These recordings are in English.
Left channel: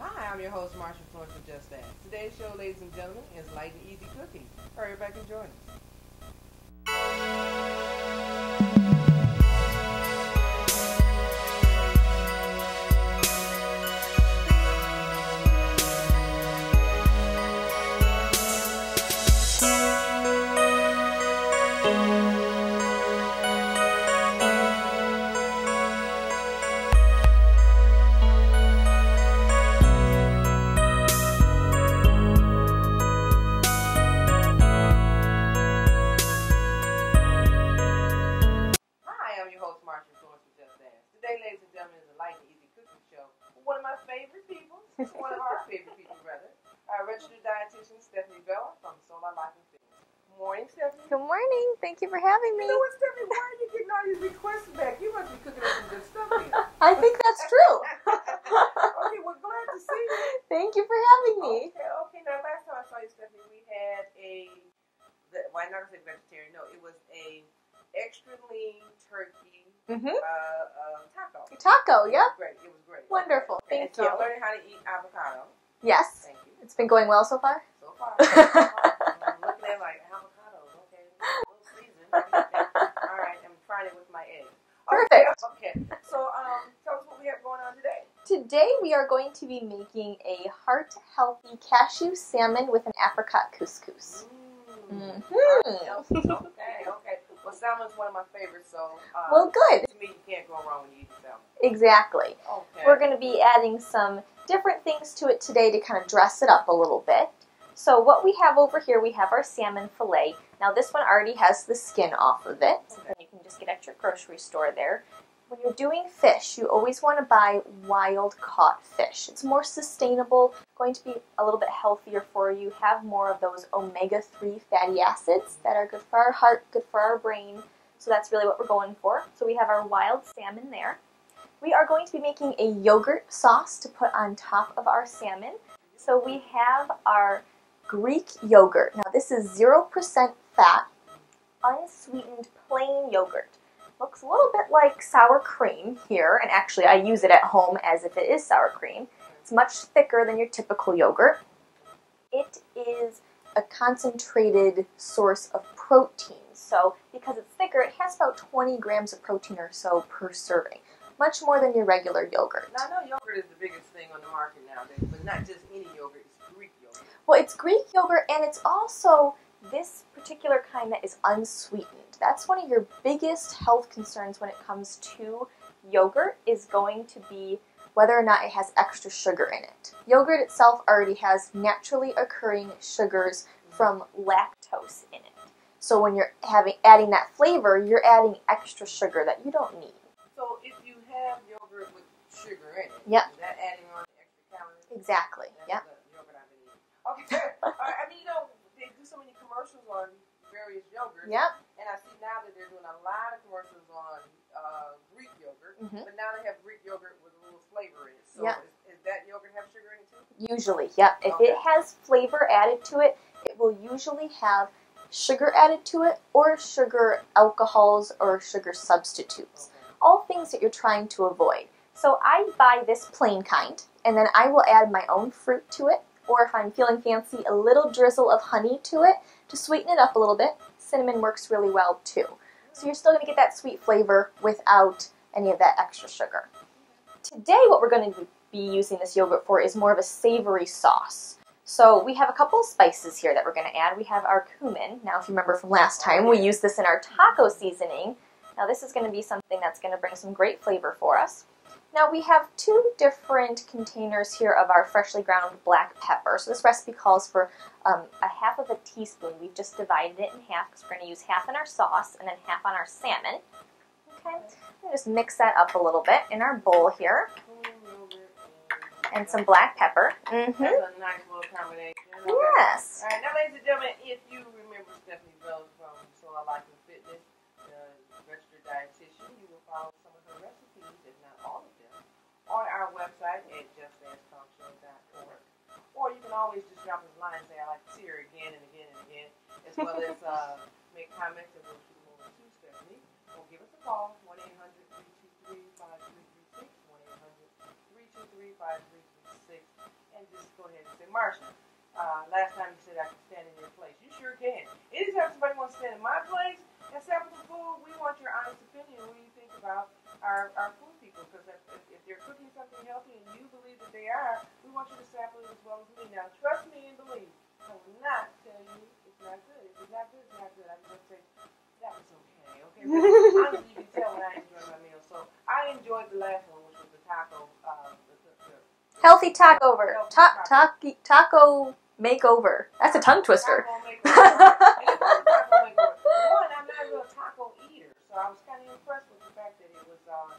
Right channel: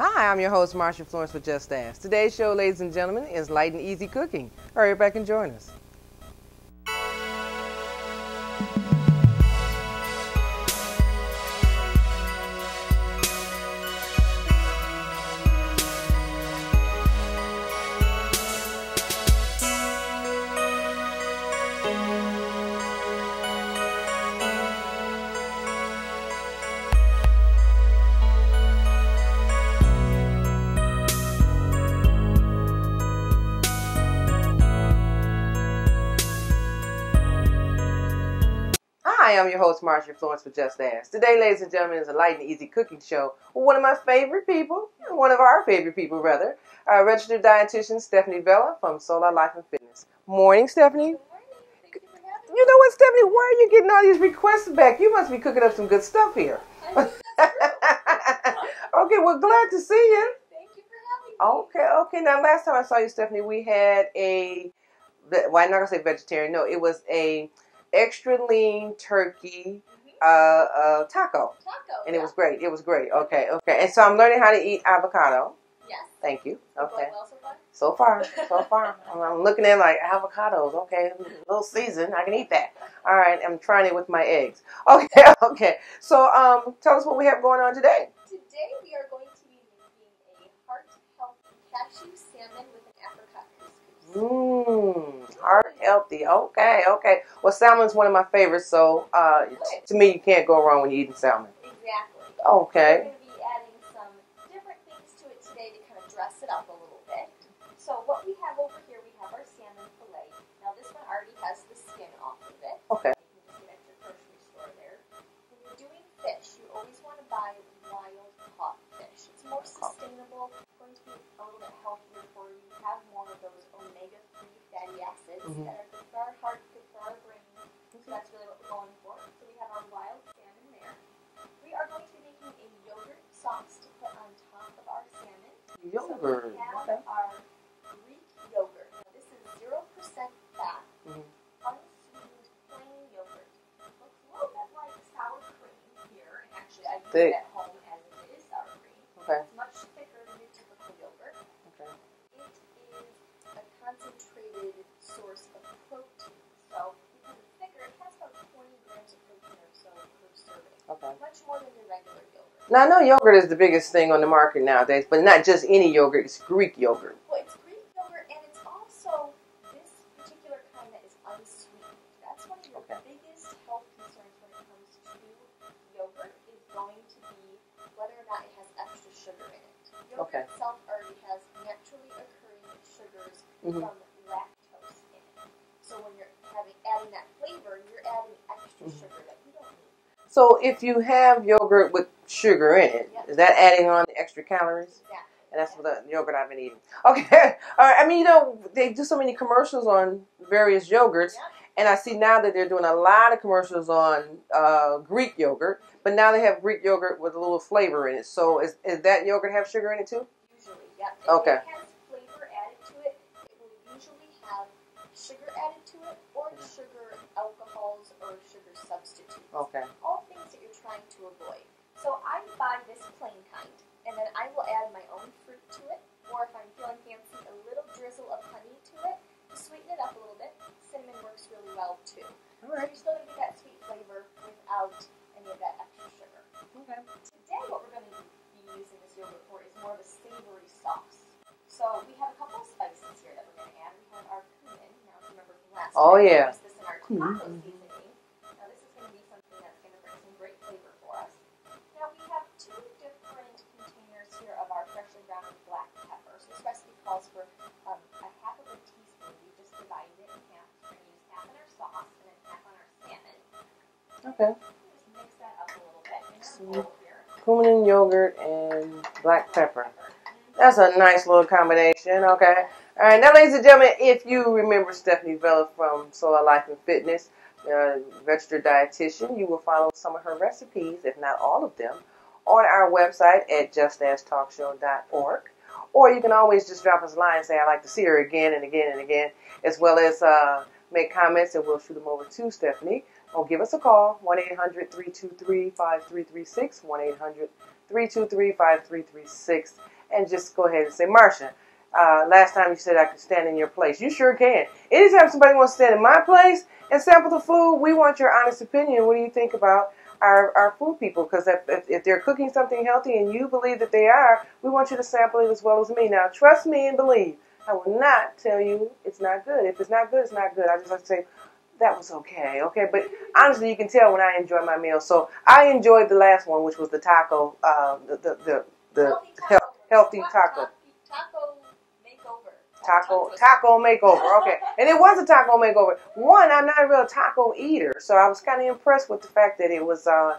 Hi, I'm your host, Marsha Florence with Just Ask. Today's show, ladies and gentlemen, is light and easy cooking. Hurry back and join us. Hi, I'm your host, Marsha Florence with Just Ask. Today, ladies and gentlemen, is a light and easy cooking show with one of my favorite people, one of our favorite people, rather, our registered dietitian, Stephanie Vella from Solar Life and Fitness. Morning, Stephanie. Good morning. Thank you for having me. You know what, Stephanie? Where are you getting all these requests back? You must be cooking up some good stuff here. I think that's true. Okay, well, glad to see you. Thank you for having me. Okay. Now, last time I saw you, Stephanie, we had well, I'm not going to say vegetarian. No, it was a extra lean turkey taco. Taco, And yeah. It was great. Wonderful. Okay. And so I'm learning how to eat avocado. Yes. Thank you. It's been going well so far? So far. I'm looking at like avocados. Okay, a little seasoned. I can eat that. All right. I'm trying it with my eggs. Okay. So tell us what we have going on today. Today we are going to be making a heart-healthy cashew salmon with an apricot couscous. Heart-healthy. Okay. Well, salmon's one of my favorites, so good. To me, you can't go wrong when you're eating salmon. Exactly. Okay. We're going to be adding some different things to it today to kind of dress it up a little bit. So what we have over here, we have our salmon fillet. Now this one already has the skin off of it. Okay. You can just get at your grocery store there. When you're doing fish, you always want to buy wild-caught fish. It's more sustainable, going to be a little bit healthier for you, have more of those omega-3 fatty acids that are good for our heart, good for our brain. So that's really what we're going for. So we have our wild salmon there. We are going to be making a yogurt sauce to put on top of our salmon. So we have our Greek yogurt. Now this is 0% fat, unsweetened plain yogurt. Looks a little bit like sour cream here, and actually I use it at home as if it is sour cream. Okay. It's much thicker than your typical yogurt. It is a concentrated source of protein. So because it's thicker, it has about 20 grams of protein or so per serving. Okay. Much more than your regular yogurt. Now I know yogurt is the biggest thing on the market nowadays, but not just any yogurt, it's Greek yogurt. Well, it's Greek yogurt, and it's also this particular kind that is unsweetened. That's one of your biggest health concerns when it comes to yogurt, is going to be whether or not it has extra sugar in it. Yogurt itself already has naturally occurring sugars from lactose in it. So when you're adding that flavor, you're adding extra sugar that you don't need. So if you have yogurt with sugar in it, is that adding on the extra calories? Exactly. And that's the yogurt I've been eating. Okay. All right. I mean, you know, they do so many commercials on various yogurts. Yep. And I see now that they're doing a lot of commercials on Greek yogurt. But now they have Greek yogurt with a little flavor in it. So is that yogurt have sugar in it too? Usually, yep. If it has flavor added to it, it will usually have sugar added to it, or sugar alcohols, or sugar substitutes. Okay. All things that you're trying to avoid. So I buy this plain kind, and then I will add my own fruit to it, or if I'm feeling fancy, a little drizzle of honey to it to sweeten it up a little bit. Cinnamon works really well too. So you're still going to get that sweet flavor without any of that extra sugar. Okay. Today what we're going to be using this yogurt for is more of a savory sauce. So we have a couple of spices here that we're going to add. We have our cumin. Now, if you remember from last time, we used this in our taco seasoning. Now, this is going to be something that's going to bring some great flavor for us. Now, we have two different containers here of our freshly ground black pepper. So this recipe calls for a half of a teaspoon. We've just divided it in half because we're going to use half in our sauce and then half on our salmon. Okay. Just mix that up a little bit in our bowl here. Cumin, yogurt, and some black pepper. That's a nice little combination. Okay. Yes. All right. Now, ladies and gentlemen, if you remember Stephanie Vella from Solar Life and Fitness, registered dietitian, you will follow some of her recipes, if not all of them, on our website at justastalkshow.org. Or you can always just drop us a line and say, I'd like to see her again and again and again, as well as make comments, and we'll shoot them over to Stephanie. or give us a call, 1-800-323-5336, 1-800-323-5336, and just go ahead and say, Marsha, last time you said I could stand in your place. You sure can. Anytime somebody wants to stand in my place and sample the food, we want your honest opinion. What do you think about our food people? Because if they're cooking something healthy and you believe that they are, we want you to sample it as well as me. Now, trust me and believe. I will not tell you it's not good. If it's not good, it's not good. I just like to say, that was okay, but honestly, you can tell when I enjoy my meal. So I enjoyed the last one, which was the taco, the healthy taco. Healthy taco. Taco makeover. That's a tongue twister. Taco makeover, okay. And it was a taco makeover. One, I'm not a real taco eater, so I was kind of impressed with the fact that it was on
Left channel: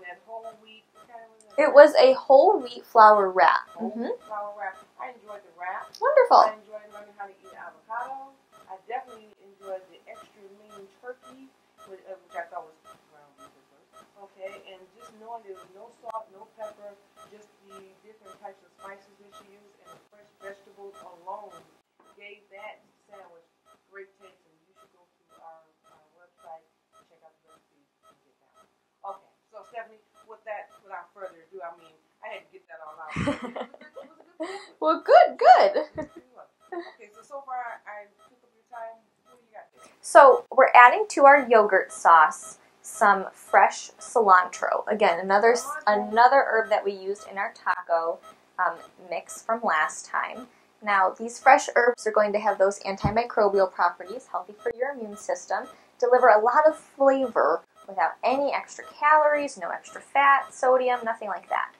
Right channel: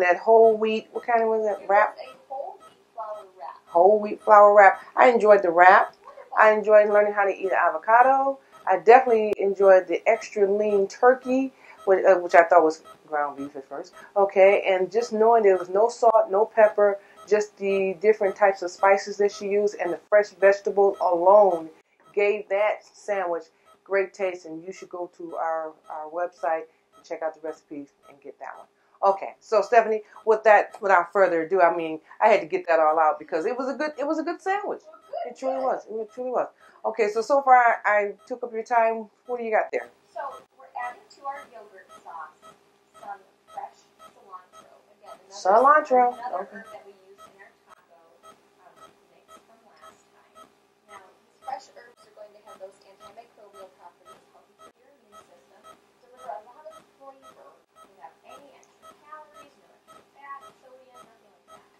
that whole wheat. What kind of was that? It wrap? was a whole wheat flour wrap. Whole wheat flour wrap. I enjoyed the wrap. Wonderful. I enjoyed learning how to eat an avocado. I definitely enjoyed the extra lean turkey, which I thought was ground beef at first. Okay, and just knowing there was no salt, no pepper, just the different types of spices that she used, and the fresh vegetables alone gave that sandwich great taste. And you should go to our website and check out the recipes and get that one. Okay, so Stephanie, without further ado, I mean, I had to get that all out because it was a good sandwich. Well, good. It truly was. Okay, so far I took up your time. What do you got there? So we're adding to our yogurt sauce some fresh cilantro. Again, another herb that we used in our taco mix from last time. Now, these fresh herbs are going to have those antimicrobial properties, healthy for your immune system, deliver a lot of flavor without any extra calories, no extra fat, sodium, nothing like that.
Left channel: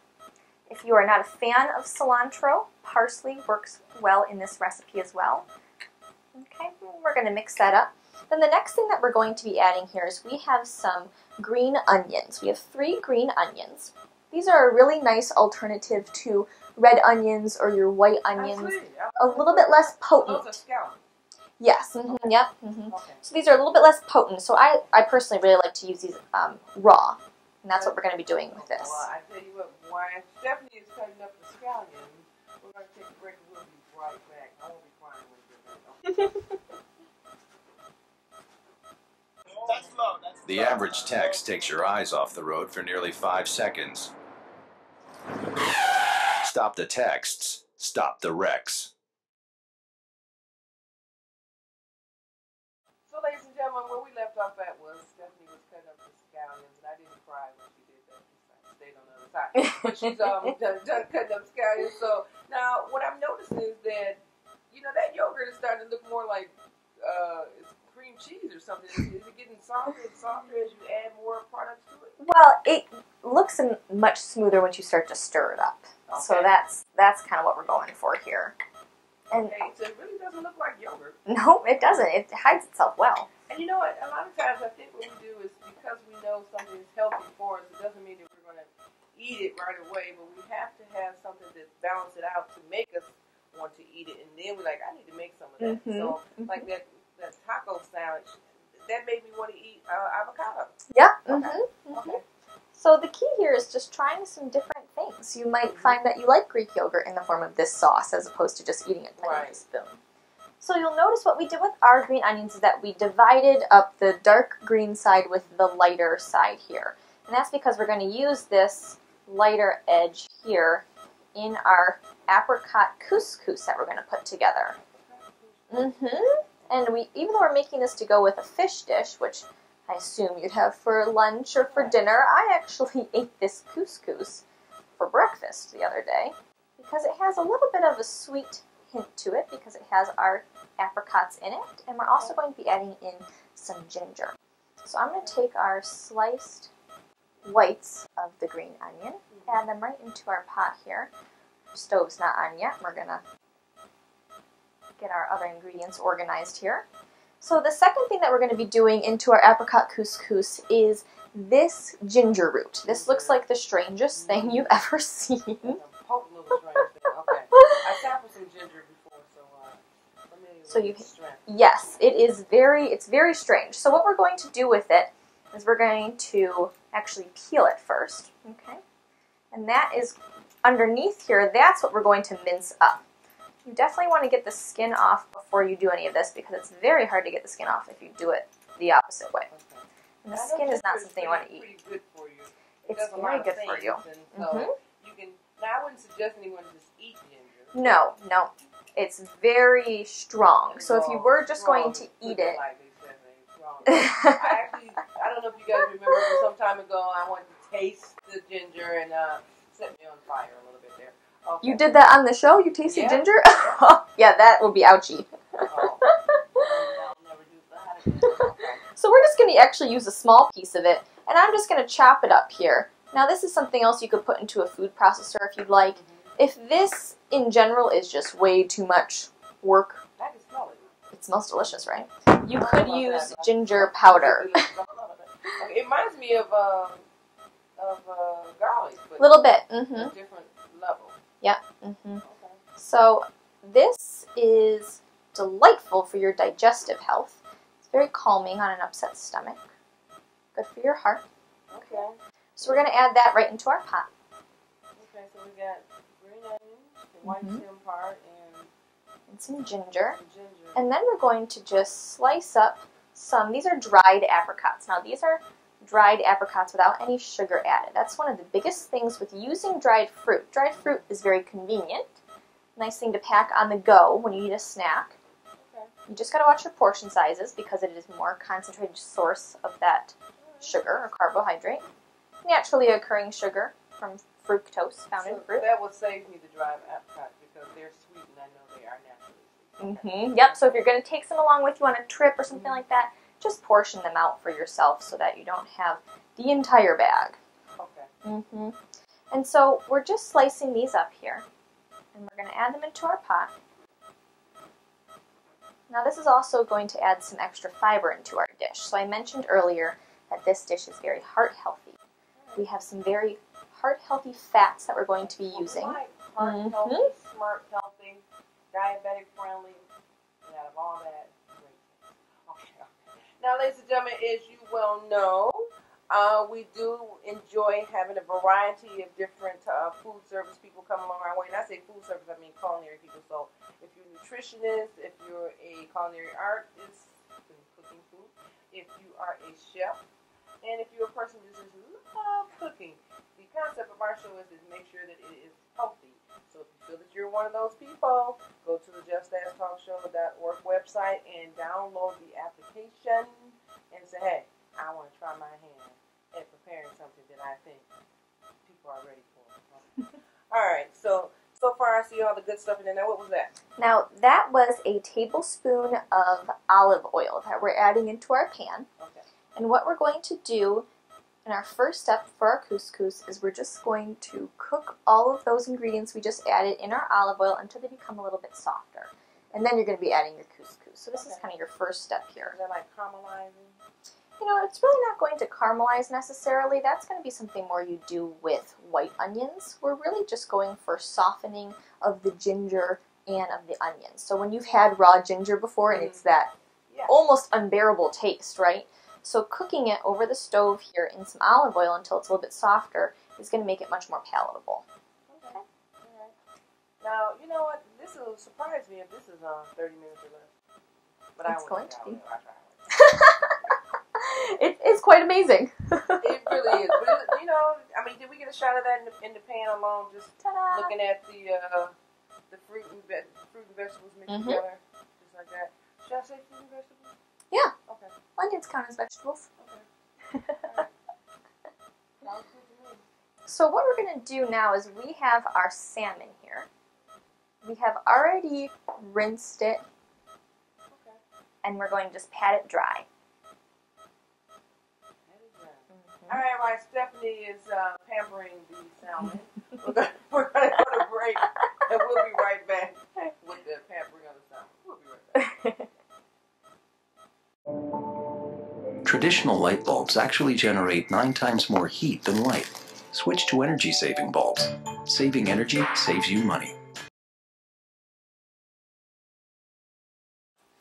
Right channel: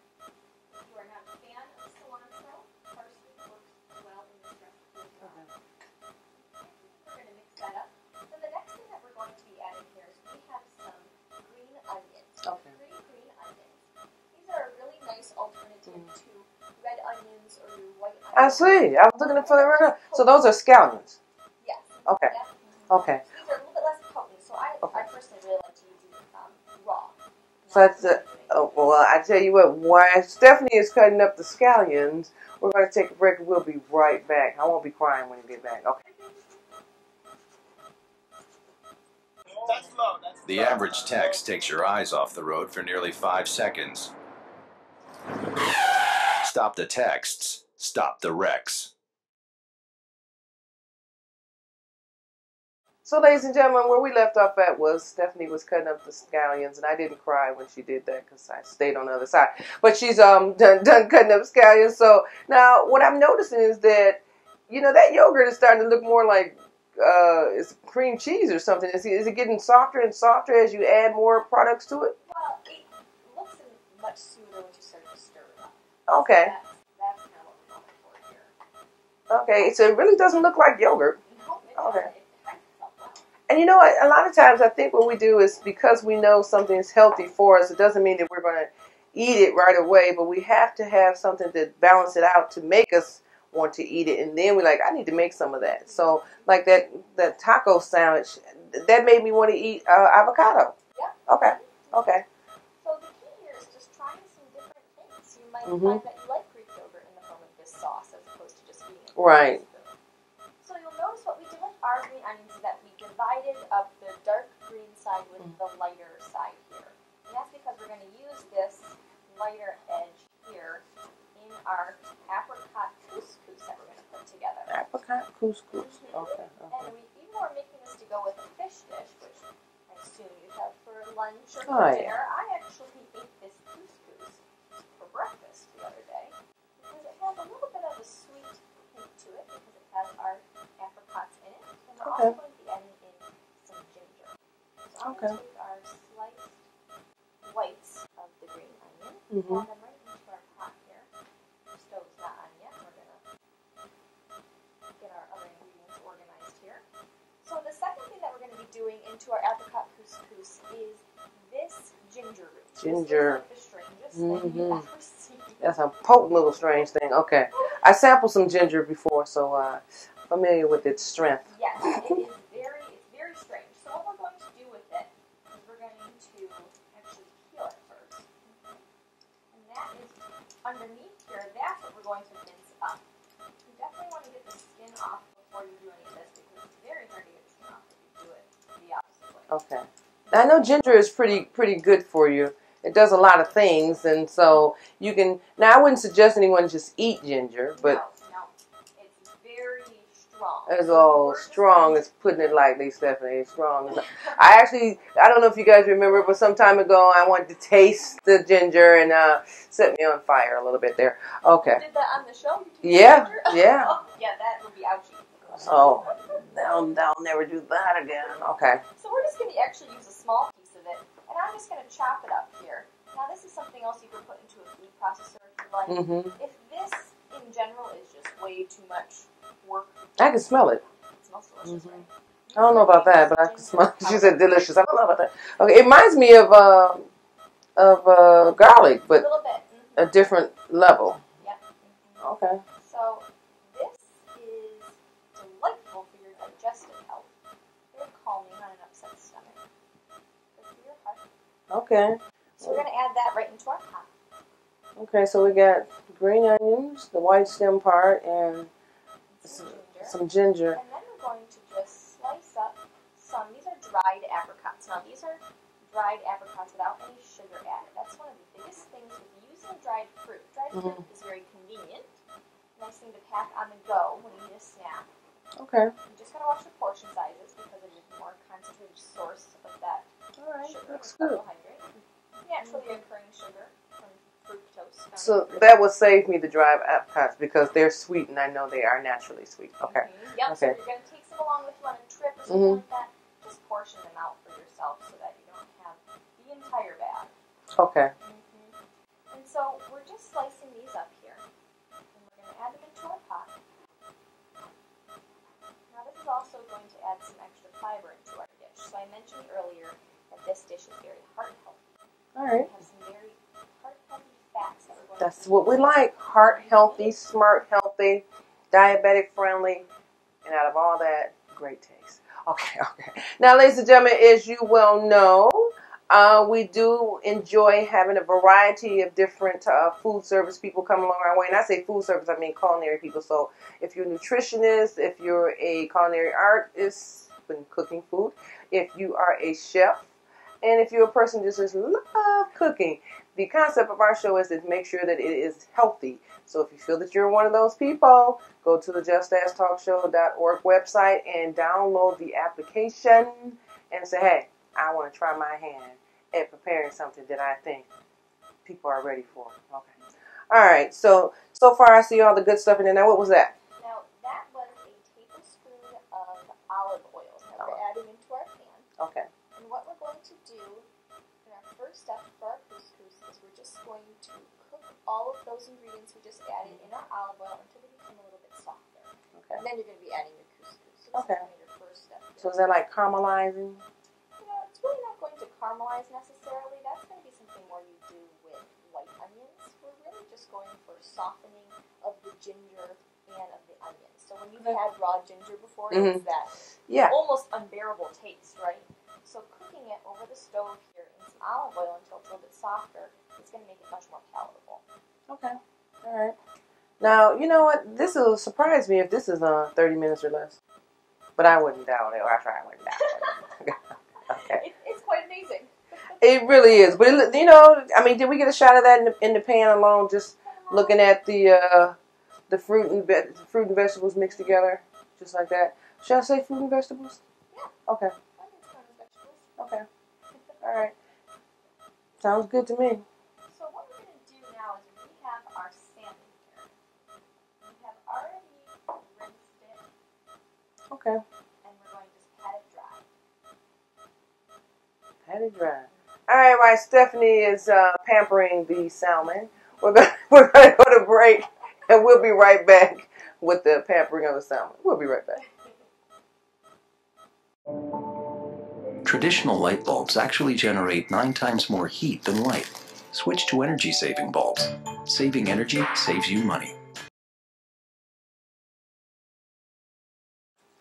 If you are not a fan of cilantro, parsley works well in this recipe as well. Okay, we're going to mix that up. Then the next thing that we're going to be adding here is we have some green onions. We have 3 green onions. These are a really nice alternative to red onions or your white onions. I see. I was a little bit less potent. So those are scallions. Yes. Okay. Yep. Okay. So these are a little bit less potent. So I personally really like to use these raw. And that's what we're going to be doing with this. Well, I tell you what, while Stephanie is cutting up the scallions, we're going to take a break and we'll be right back. I won't be crying when we get back. Okay. The average text takes your eyes off the road for nearly 5 seconds. Stop the texts. Stop the wrecks. So, ladies and gentlemen, where we left off at was Stephanie was cutting up the scallions, and I didn't cry when she did that because I stayed on the other side. But she's done cutting up scallions. So now what I'm noticing is that, you know, that yogurt is starting to look more like it's cream cheese or something. Is it getting softer and softer as you add more products to it? Well, it looks much smoother once you start to stir it up. Okay. So that's kind of what we're going for here. Okay, so it really doesn't look like yogurt. No, it doesn't. It hides itself well. And you know what? A lot of times I think what we do is because we know something's healthy for us, it doesn't mean that we're going to eat it right away, but we have to have something to balance it out to make us want to eat it. And then we're like, I need to make some of that. Mm-hmm. So like that taco sandwich, that made me want to eat avocado. Yeah. Okay. Mm-hmm. Okay. So the key here is just trying some different things. You might find that you like Greek yogurt in the form of this sauce as opposed to just eating it with a spoon. So you'll notice what we did with our green onions is that we divided up the dark green side with the lighter side here. And that's because we're going to use this lighter edge here in our apricot couscous that we're going to put together. Apricot couscous. Mm-hmm. And even though we're making this to go with a fish dish, which I assume you'd have for lunch or for dinner, I actually ate this couscous for breakfast the other day because it has a little bit of a sweet hint to it because it has our apricots in it, and we're also going to be adding in some ginger. So I'm going to take our sliced whites of the green onion, add them right into our pot here. Our stove's not on yet. We're going to get our other ingredients organized here. So the second thing that we're going to be doing into our apricot couscous is this ginger root. This looks like the strangest thing you've ever seen. That's a potent little strange thing. Okay. I sampled some ginger before, so familiar with its strength. Yes, it's very strange. So what we're going to do with it is we're going to actually peel it first. Okay. And that is underneath here, that's what we're going to mince up. You definitely want to get the skin off before you do any of this because it's very hard to get the skin off if you do it the opposite way. Okay. The I know skin ginger is not pretty good for you. It It's does a lot very of good for you. things, and so you can. Now, I wouldn't suggest anyone just eat ginger. But No, it's very strong. it's So if you all were just strong. going to It's putting eat it lightly, Stephanie. It's strong. I don't know if you guys remember, but some time ago, I wanted to taste the ginger and set me on fire a little bit there. Okay. You did that on the show? You tasted ginger? Yeah. Yeah, that will be ouchy. Oh. I'll never do that again. Okay. So we're just going to actually use a small piece of it, and I'm just going to chop it up here. Now this is something else you could put into a food processor if you'd like. If this, in general, is just way too much work. I can smell it. It smells delicious, right? You I don't know about that, but ginger powder. She said delicious. I don't know about that. Okay, it reminds me of garlic, but A little bit. a different level. Yep. Okay. So this is delightful for your digestive health. It's very calming on an upset stomach. Good for your heart. Okay. So we're going to add that right into our pot. Okay, so we got green onions, the white stem part, and some ginger. Some ginger. And then we're going to just slice up some, these are dried apricots. Now these are dried apricots without any sugar added. That's one of the biggest things with using dried fruit. Dried fruit is very convenient. Nice thing to pack on the go when you need a snack. Okay. You just got to watch your portion sizes because it is a more concentrated source of that sugar or carbohydrate. Naturally occurring sugar from fructose found in fruit. That will save me the dried apricots because they're sweet and I know they are naturally sweet. Okay. Yep, so if you're going to take some along with you on a trip or something like that, just portion them out for yourself so that you don't have the entire bag. Okay. And so we're just slicing these up here. And we're going to add them into our pot. Now this is also going to add some extra fiber into our dish. So I mentioned earlier that this dish is very heart healthy. All right. We have some very heart healthy fats that we're going to be using. That's what we like. Heart healthy, smart healthy, diabetic friendly, and out of all that, great taste. Okay. Now, ladies and gentlemen, as you well know, we do enjoy having a variety of different food service people come along our way. And I say food service, I mean culinary people. So if you're a nutritionist, if you're a culinary artist when cooking food, if you are a chef, and if you're a person who just love cooking, the concept of our show is to make sure that it is healthy. So if you feel that you're one of those people, go to the justasktalkshow.org website and download the application and say, hey, I want to try my hand at preparing something that I think people are ready for. Okay. All right. So far I see all the good stuff in there. Now, what was that? Now, that was a tablespoon of olive oil that we're adding into our pan. Okay. And what we're going to do in our first step for our couscous is we're just going to cook all of those ingredients we just added in our olive oil until they become a little bit softer. Okay. And then you're going to be adding your couscous. So this is kind of your first step here. So is that like caramelizing? You know, it's really not going to caramelize necessarily. That's going to be something more you do with white onions. We're really just going for softening of the ginger and of the onions. So when you've had raw ginger before, it's that almost unbearable taste, right? So cooking it over the stove here in some olive oil until it's a little bit softer is going to make it much more palatable. Okay. All right. Now, you know what? This will surprise me if this is 30 minutes or less. But I wouldn't doubt it. I try it. It's quite amazing. It really is. But, you know, I mean, did we get a shot of that in the pan alone? Just looking at the fruit and vegetables mixed together, just like that. Should I say fruit and vegetables? Yeah. Okay. Onions count as vegetables. Okay. All right. Sounds good to me. So what we're going to do now is we have our salmon here. We have already rinsed it. Okay. And we're going to just pat it dry. Pat it dry. All right, while Stephanie is pampering the salmon, we're going to go to break, and we'll be right back with the pampering of the salmon. We'll be right back. Traditional light bulbs actually generate 9 times more heat than light. Switch to energy-saving bulbs. Saving energy saves you money.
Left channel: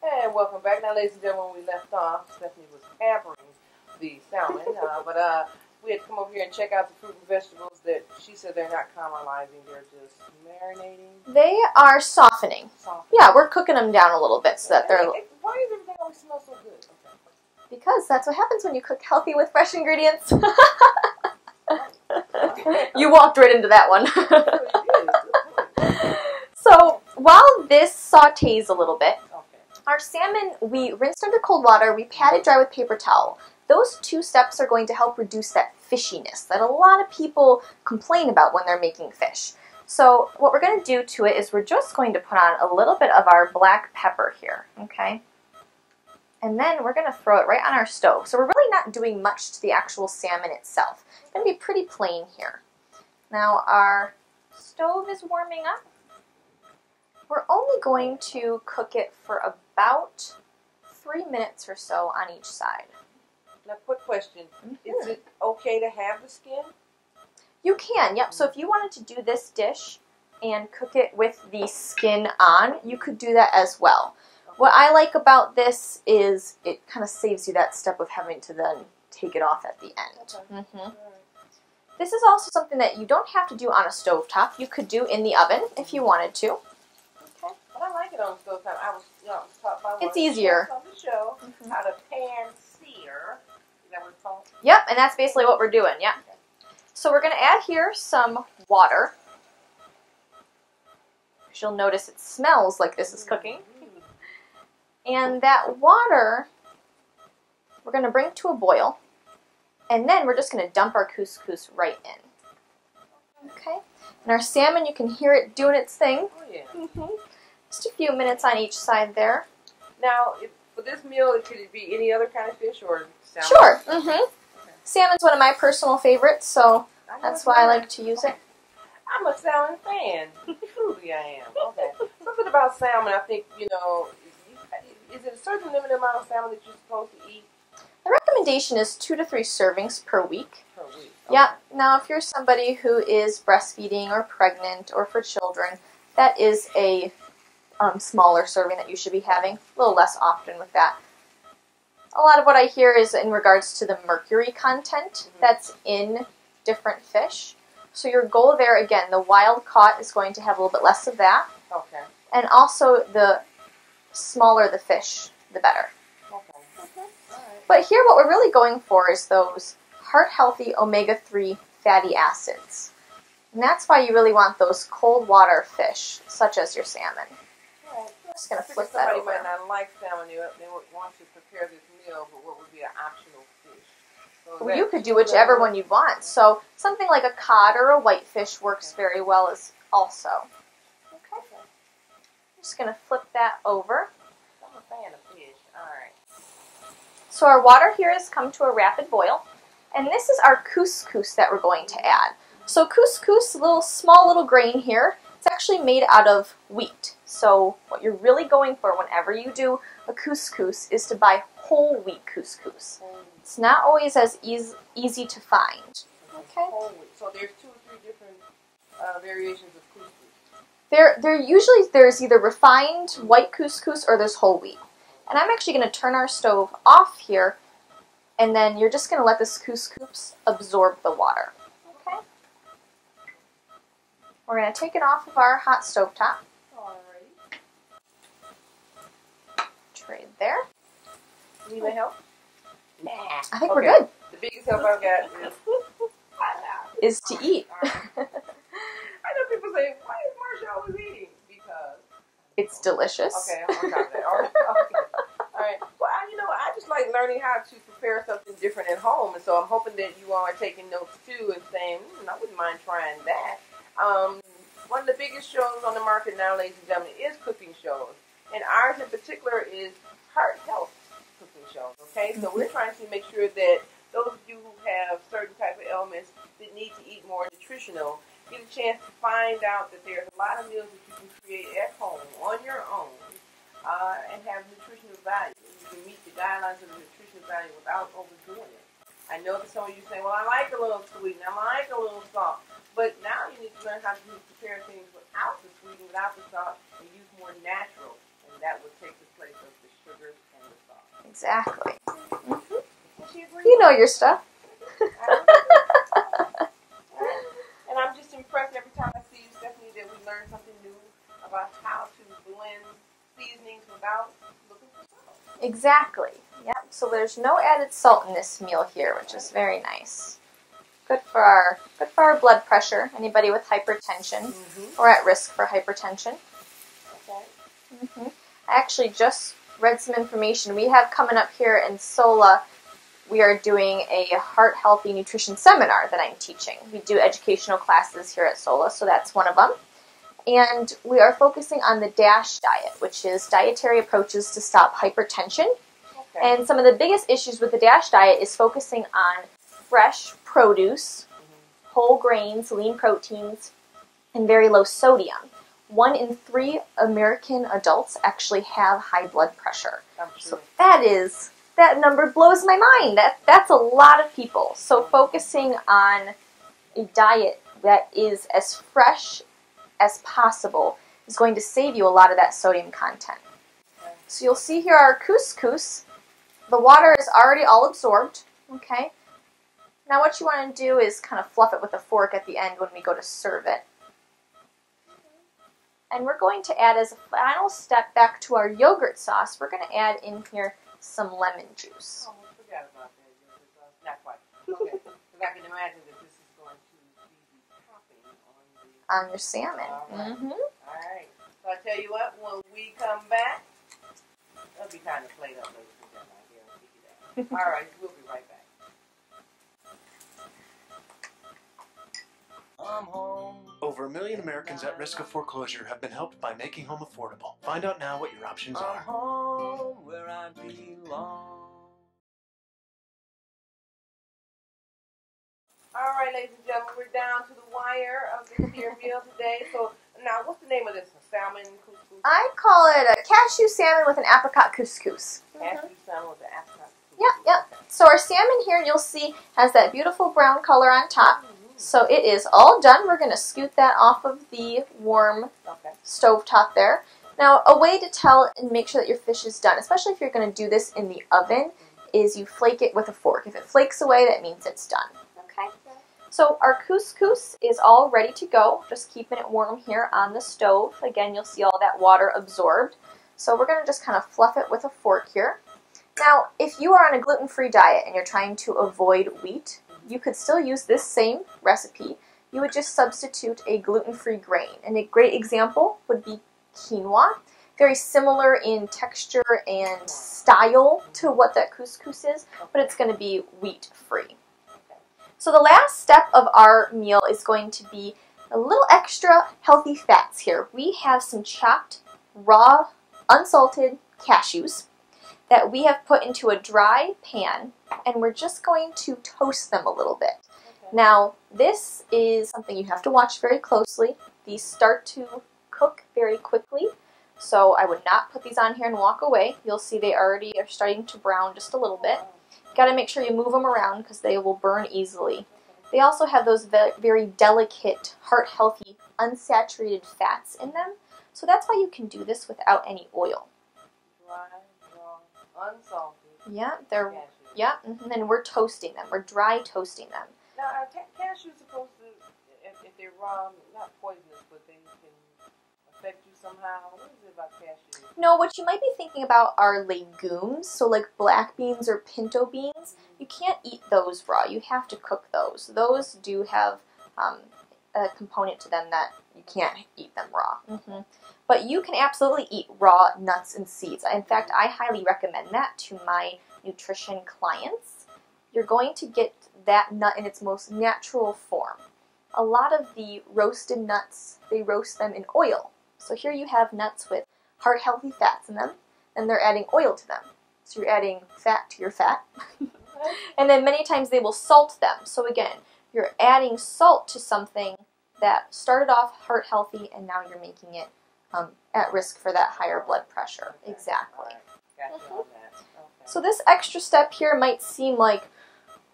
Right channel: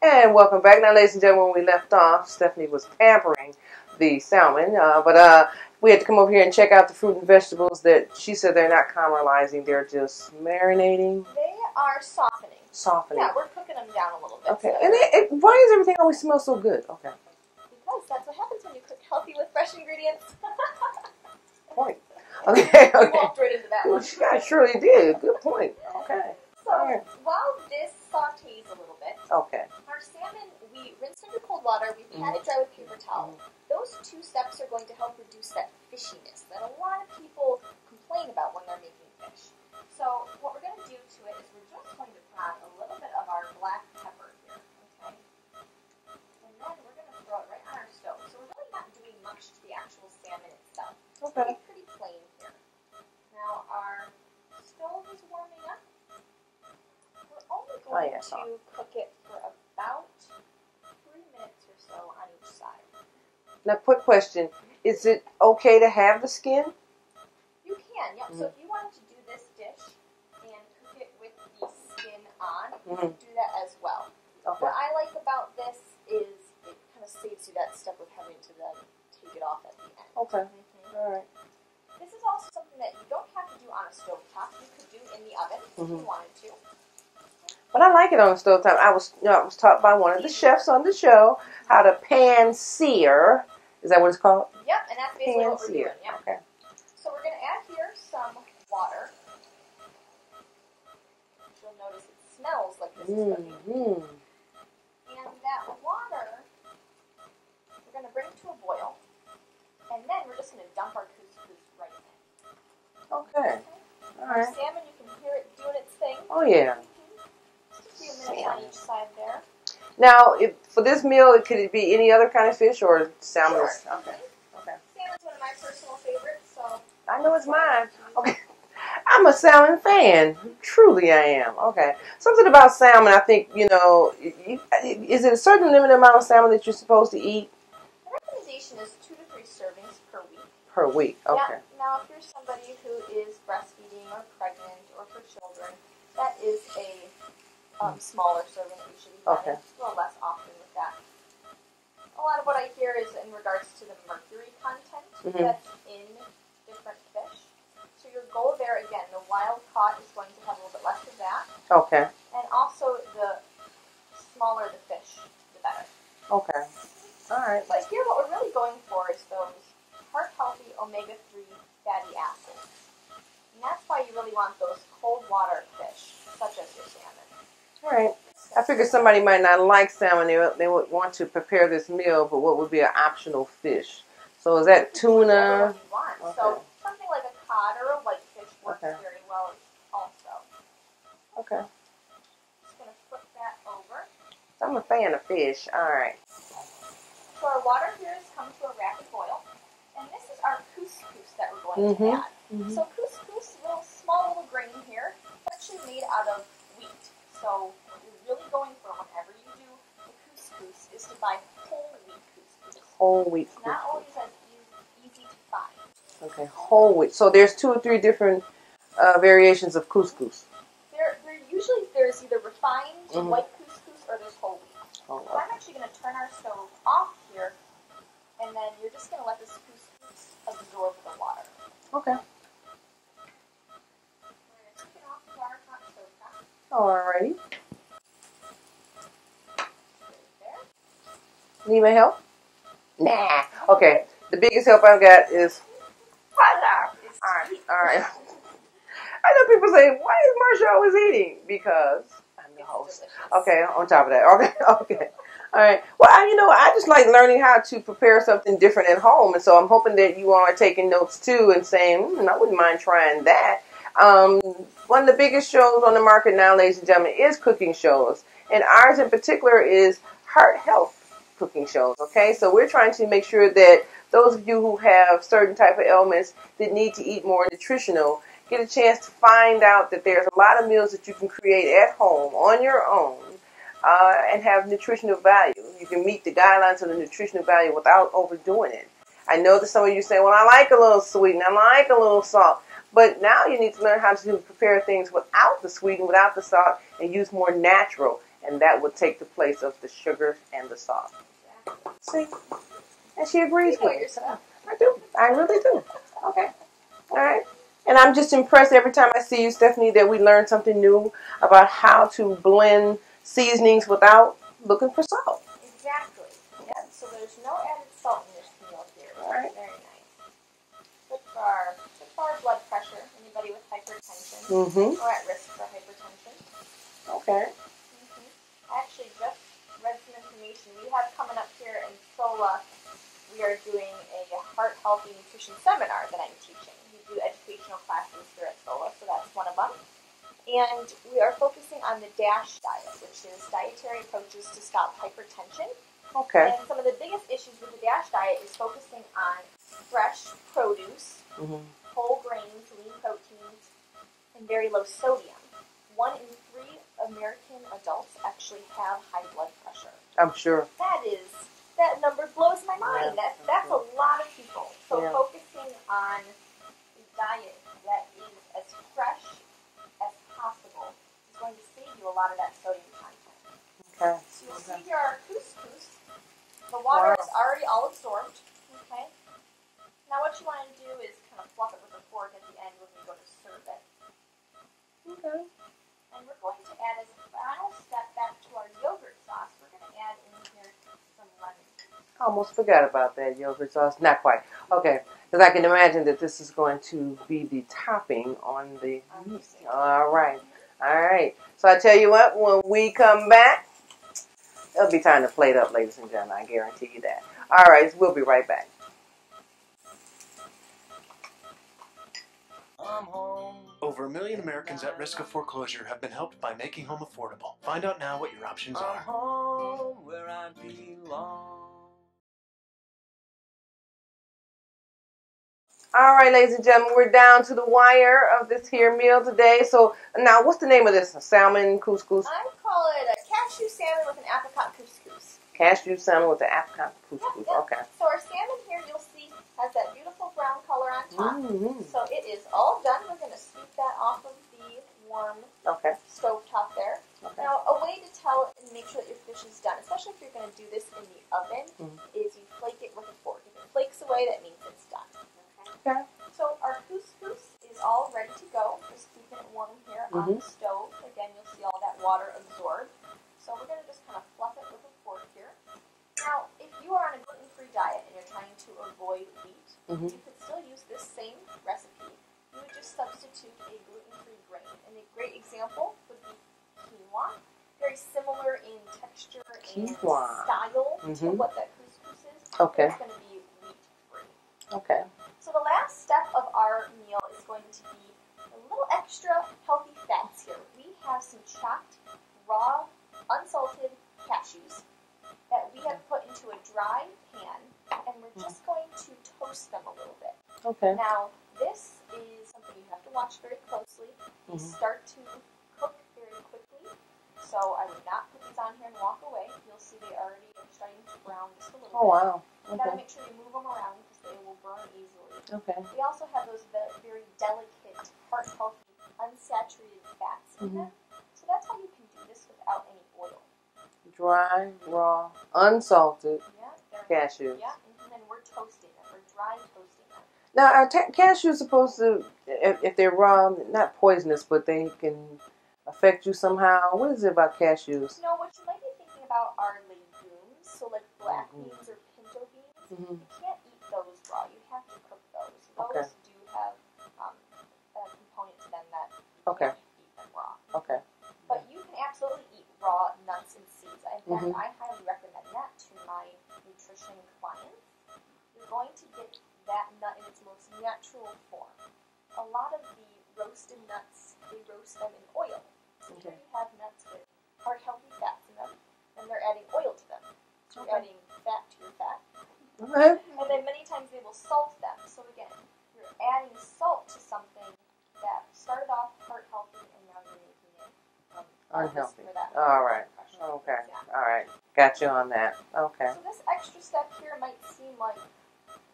And welcome back. Now, ladies and gentlemen, when we left off, Stephanie was pampering the salmon, but we had to come over here and check out the fruit and vegetables that she said they're not caramelizing, they're just marinating. They are softening. Softening. Yeah, we're cooking them down a little bit so that they're... Why does everything always smell so good? Okay. Because that's what happens when you cook healthy with fresh ingredients. Right. Okay. You walked right into that one. I surely did. Good point. So while this sautés a little bit, Okay. our salmon, we rinsed under cold water, we pat it dry with paper towel. Those 2 steps are going to help reduce that fishiness that a lot of people complain about when they're making fish. So what we're going to do to it is we're just going to put on a little bit of our black pepper here, okay? And then we're going to throw it right on our stove. So we're really not doing much to the actual salmon itself. It's going to be pretty plain here. Now our stove is warming up. We're only going to cook it for about 3 minutes or so on each side. Now, quick question. Is it okay to have the skin? You can, yep. So if you wanted to do this dish and cook it with the skin on, you could do that as well. Okay. What I like about this is it kind of saves you that step of having to then take it off at the end. Okay. All right. This is also something that you don't have to do on a stovetop. You could do in the oven if you wanted to. But I like it on the stove top. I was taught by one of the chefs on the show how to pan sear. Is that what it's called? Yep, and that's basically what we're doing. Yeah. Okay. So we're going to add here some water. You'll notice it smells like this is cooking. And that water, we're going to bring to a boil. And then we're just going to dump our couscous right in. Okay. And our salmon, you can hear it doing its thing. Oh, yeah. Just a few minutes on each side there. Now, for this meal, could it be any other kind of fish or salmon? Sure. Salmon's one of my personal favorites, so that's why I like to use it. I'm a salmon fan. Truly, I am. Okay. Something about salmon, I think, is it a certain limited amount of salmon that you're supposed to eat? The recommendation is 2 to 3 servings per week. Per week, okay. Yeah. Now, if you're somebody who is breastfeeding or pregnant or for children, that is a smaller serving that you should be having. A little less often with that. A lot of what I hear is in regards to the mercury content that's in different fish. So your goal there, again, the wild caught is going to have a little bit less of that. Okay. And also the smaller the fish, the better. Okay. All right. But here what we're really going for is those heart-healthy omega-3 fatty acids. And that's why you really want those cold water fish, such as your salmon. All right. I figured somebody might not like salmon. They would want to prepare this meal, but what would be an optional fish? So is that you could do whichever one you want. Okay. So something like a cod or a whitefish works very well as also. Okay. I'm just going to flip that over. I'm a fan of fish. All right. So our water here has come to a rapid boil. And this is our couscous that we're going to add. So couscous, small little grain here, it's actually made out of wheat. So what you're really going for whenever you do a couscous is to buy whole wheat couscous. Whole wheat. It's not always as easy to find. Okay. Whole wheat. So there's 2 or 3 different variations of couscous. There's either refined white couscous or there's whole wheat. And I'm actually going to turn our stove off here, and then you're just going to let this couscous absorb the water. Okay. We're going to take it off of our hot stove top. Alrighty. Trade there. Need my help? Nah. I think we're good. The biggest help I've got is to eat. All right. I know people say, why is Marsha always eating? Because it's delicious. Okay, on top of that. Okay. All right. Well, I just like learning how to prepare something different at home, and so I'm hoping that you all are taking notes too and saying, I wouldn't mind trying that. One of the biggest shows on the market now, ladies and gentlemen, is cooking shows, and ours in particular is heart health cooking shows. Okay, so we're trying to make sure that those of you who have certain type of ailments that need to eat more nutritional get a chance to find out that there's a lot of meals that you can create at home on your own and have nutritional value. You can meet the guidelines of the nutritional value without overdoing it. I know that some of you say, well, I like a little sweet and I like a little salt. But now you need to learn how to prepare things without the sweet and without the salt and use more natural. And that would take the place of the sugar and the salt. Exactly. See? And she agrees. You know your stuff. I do. I really do. Okay. All right. And I'm just impressed every time I see you, Stephanie, that we learn something new about how to blend seasonings without looking for salt. Exactly. Yeah. So So there's no added salt in this meal here, which is very nice. Good for our blood pressure. Anybody with hypertension or at risk for hypertension. Okay. I actually just read some information we have coming up here in SOLA. We are doing a heart healthy nutrition seminar that I'm teaching. We do educational classes here at SOLA, so that's one of them. And we are focusing on the DASH diet, which is dietary approaches to stop hypertension. Okay. And some of the biggest issues with the DASH diet is focusing on fresh produce, whole grains, lean proteins, and very low sodium. 1 in 3 American adults actually have high blood pressure. I'm sure. So that number blows my mind. That's a lot of people. So focusing on a diet that is as fresh as possible is going to save you a lot of that sodium content. Okay. So you'll see here our couscous. The water is already all absorbed. Okay. Now what you want to do is kind of fluff it with a fork at the end when we go to serve it. Okay. And we're going to add, as a final step back to our yogurt sauce, we're going to add in here some lemon juice. I almost forgot about that yogurt sauce. Not quite. Okay. Because I can imagine that this is going to be the topping on the... On your salmon. All right. All right. So I tell you what, when we come back, it'll be time to plate up, ladies and gentlemen. I guarantee you that. All right. We'll be right back. I'm home. Over 1 million Americans at risk of foreclosure have been helped by making home affordable. Find out now what your options are. I'm home where I belong. All right, ladies and gentlemen, we're down to the wire of this here meal today. So now, what's the name of this? Salmon couscous? I call it a cashew salmon with an apricot couscous. Cashew salmon with the apricot couscous. Yep. Okay. So our salmon here, you'll see, has that beautiful brown color on top. So it is all done. We're going to scoot that off of the warm stove top there. Now, a way to tell and make sure that your fish is done, especially if you're going to do this in the oven, is you flake it with a fork. If it flakes away, that means it's done. Okay. So our couscous is all ready to go. Just keeping it warm here on the stove. Again, you'll see all that water absorbed. So we're going to just kind of fluff it with a fork here. Now, if you are on a gluten-free diet and you're trying to avoid wheat, you could still use this same recipe. You would just substitute a gluten-free grain. And a great example would be quinoa. Very similar in texture and style to what that couscous is, but it's going to be wheat-free. Okay. So the last step of our meal is going to be a little extra healthy fats here. We have some chopped, raw, unsalted cashews that we have put into a dry pan, and we're just going to toast them a little bit. Okay. Now, this is something you have to watch very closely. These start to cook very quickly, so I would not put these on here and walk away. You'll see they already are starting to brown just a little bit. Wow. You got to make sure you move them around because they will burn easily. Okay. They also have those very delicate, heart-healthy, unsaturated fats in them. So that's why you can do this without any oil. Dry, raw, unsalted they're cashews. Yeah, and then we're toasting them. We're dry toasting them. Now, are cashews supposed to, if they're raw, not poisonous, but they can affect you somehow? What is it about cashews? No, what you might be thinking about are legumes, so like black beans or pinto beans. You can't eat those raw. You have to cook those. Those do have a component to them that you can't eat them raw. But you can absolutely eat raw nuts and seeds. In fact, I highly recommend that to my nutrition clients. You're going to get that nut in its most natural form. A lot of the roasted nuts, they roast them in oil. So here you have nuts with heart-healthy fats in them, and they're adding oil to them. So you're adding fat to your fat. And then many times they will salt them. So again, you're adding salt to something that started off heart-healthy, and now you're making it at risk for that higher blood pressure. Exactly. All right. Got you on that. Okay. So this extra step here might seem like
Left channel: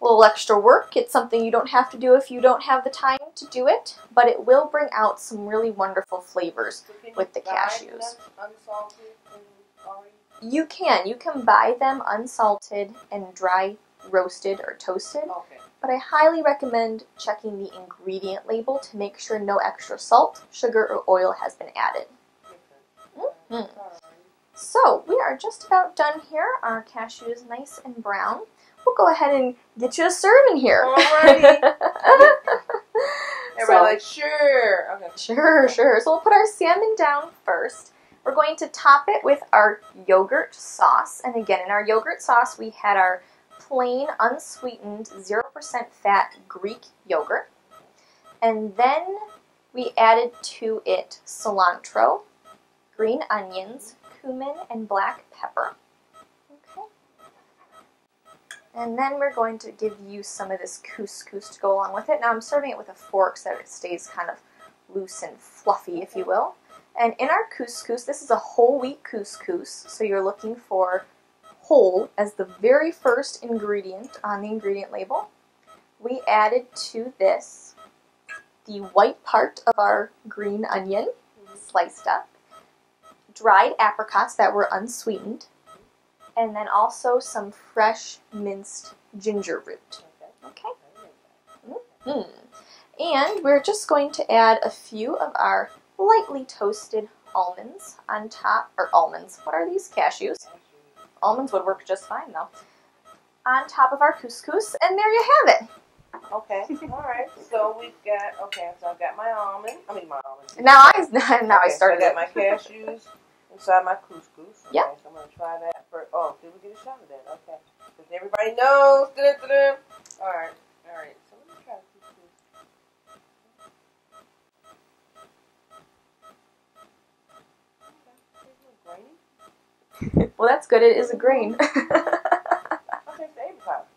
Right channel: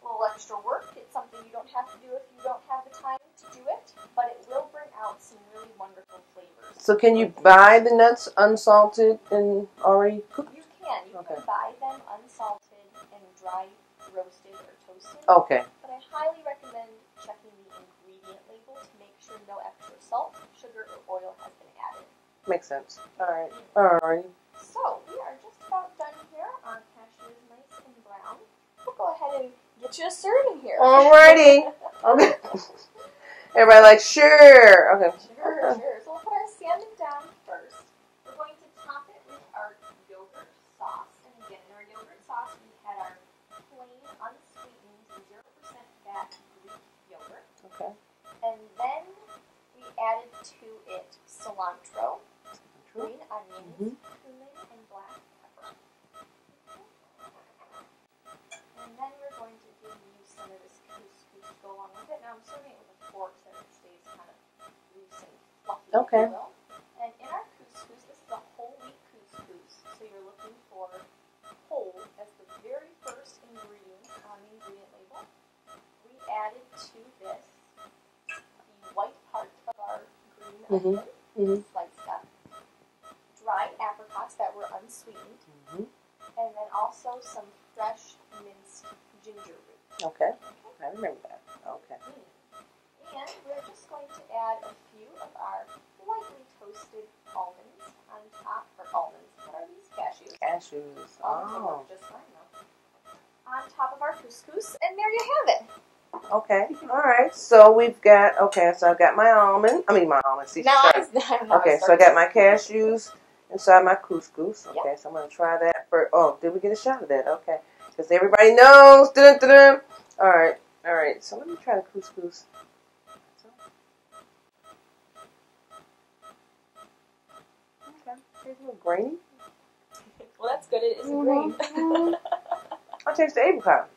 a little extra work. It's something you don't have to do if you don't have the time to do it, but it will bring out some really wonderful flavors. So can you buy the nuts unsalted and already cooked? You can. You can buy them unsalted and dry roasted or toasted. Okay. But I highly recommend checking the ingredient label to make sure no extra salt, sugar, or oil has been added. Makes sense. All right. All right. So we are just about done here. Our cashew is nice and brown. We'll go ahead and get you a serving here. Alrighty. Everybody like, sure. Okay. Sure. So we'll put our salmon down first. We're going to top it with our yogurt sauce. And again, in our yogurt sauce, we had our plain, unsweetened, 0% fat Greek yogurt. Okay. And then we added to it cilantro, green onions, cumin, and black pepper. Okay. And then we're going to give you some of this couscous to go along with it. Now I'm serving it with a fork so that it stays kind of loose and fluffy, if you will. And in our couscous, this is a whole wheat couscous, so you're looking for whole as the very first ingredient on the ingredient label. We added to this the white part of our green onion, sliced up, dried apricots that were unsweetened, and then also some fresh minced ginger root. Okay. I remember that. Okay. And we're just going to add a few of our lightly toasted almonds on top, or almonds, what are these? Cashews. Almonds would work just fine though. On top of our couscous, and there you have it. Okay. All right. So we've got, so I've got my almonds. Now I started. So I got my cashews inside my couscous. Yeah. Okay, so I'm going to try that first. Oh, did we get a shot of that? Okay. Because everybody knows. Dun-dun-dun-dun. All right. So let me try the couscous. Okay. It's a little grainy. Well, that's good. It is a grain. I'll taste the apricot.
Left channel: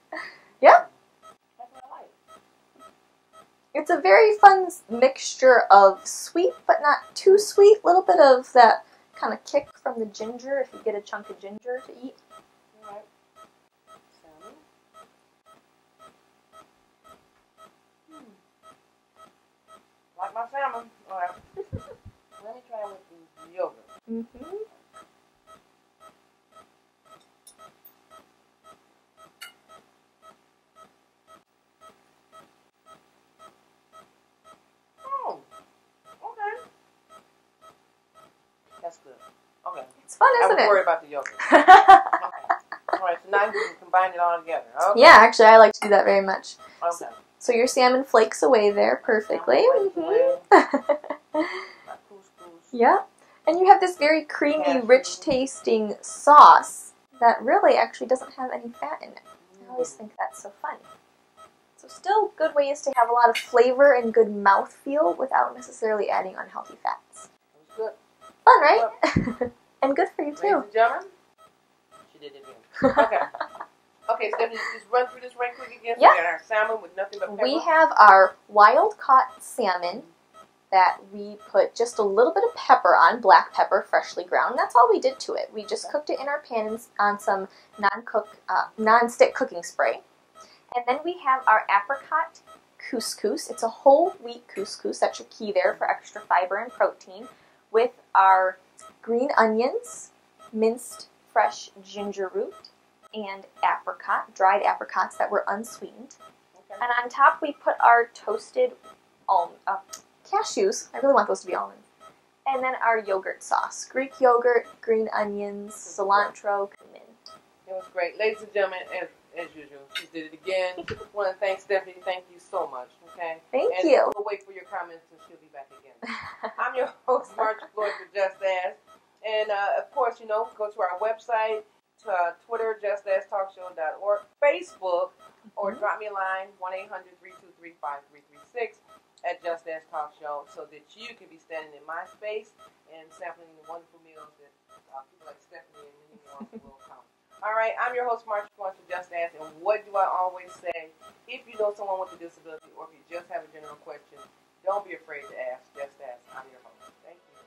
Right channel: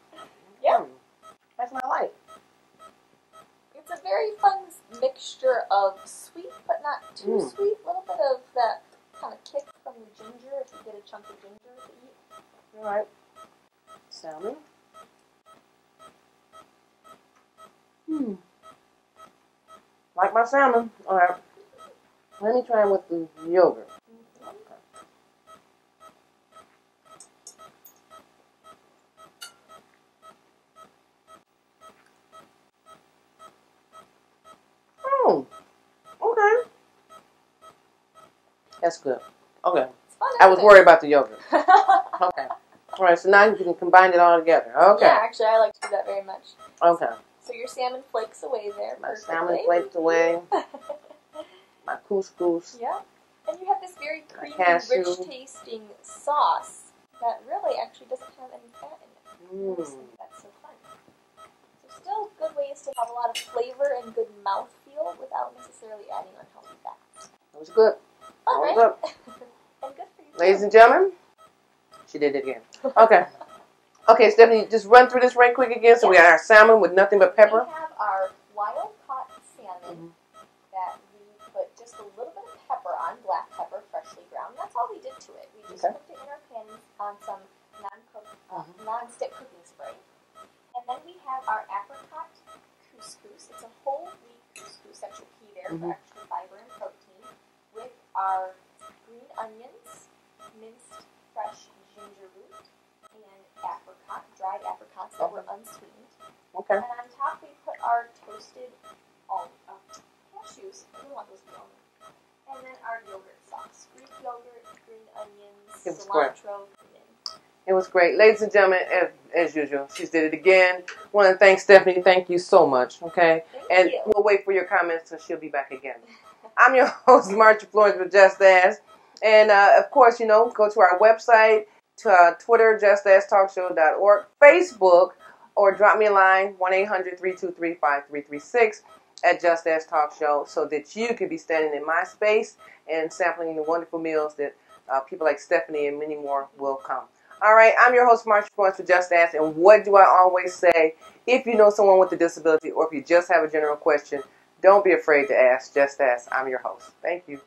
Yeah. That's my life. It's a very fun mixture of sweet, but not too sweet. A little bit of that kind of kick from the ginger, if you get a chunk of ginger to eat. All right. Salmon. Like my salmon. All right. Let me try it with the yogurt. Oh, okay. That's good. Okay. It's fun, I isn't was it? worried about the yogurt. Okay. All right, so now you can combine it all together. Okay. Yeah, actually, I like to do that very much. Okay. So your salmon flakes away there perfectly. Salmon flakes away. My couscous. Yeah. And you have this very creamy, Cashew. rich tasting sauce that really actually doesn't have any fat in it. I always think that's so fun. So still good ways to have a lot of flavor and good mouthfeel without necessarily adding unhealthy fats. It was good. Fun, right? And good for you too. Ladies and gentlemen, she did it again. Okay. Okay, Stephanie, just run through this right quick again. So we got our salmon with nothing but pepper. We have our wild caught salmon that we put just a little bit of pepper on, black pepper, freshly ground. That's all we did to it. We just cooked it in our pan on some non-stick cooking spray. And then we have our apricot couscous. It's a whole wheat couscous. That's your key there for extra fiber and protein. With our green onions, minced fresh ginger root, and dried apricots that were unsweetened. Okay. And on top we put our toasted cashews. I really want those to be almonds. And then our yogurt sauce. Greek yogurt, green onions, cilantro, cumin. It was great. Ladies and gentlemen, as usual, she did it again. I want to thank Stephanie. Thank you so much. Okay? Thank and you. We'll wait for your comments and she'll be back again. I'm your host, Marcia Flores with Just Ask. And, of course, go to our website, to Twitter, justasktalkshow.org, Facebook, or drop me a line, 1-800-323-5336 at Just Ask Talk Show, so that you can be standing in my space and sampling the wonderful meals that people like Stephanie and many more will come. All right, I'm your host, Marcia Flores with Just Ask, and what do I always say? If you know someone with a disability or if you just have a general question, don't be afraid to ask. Just ask. I'm your host. Thank you.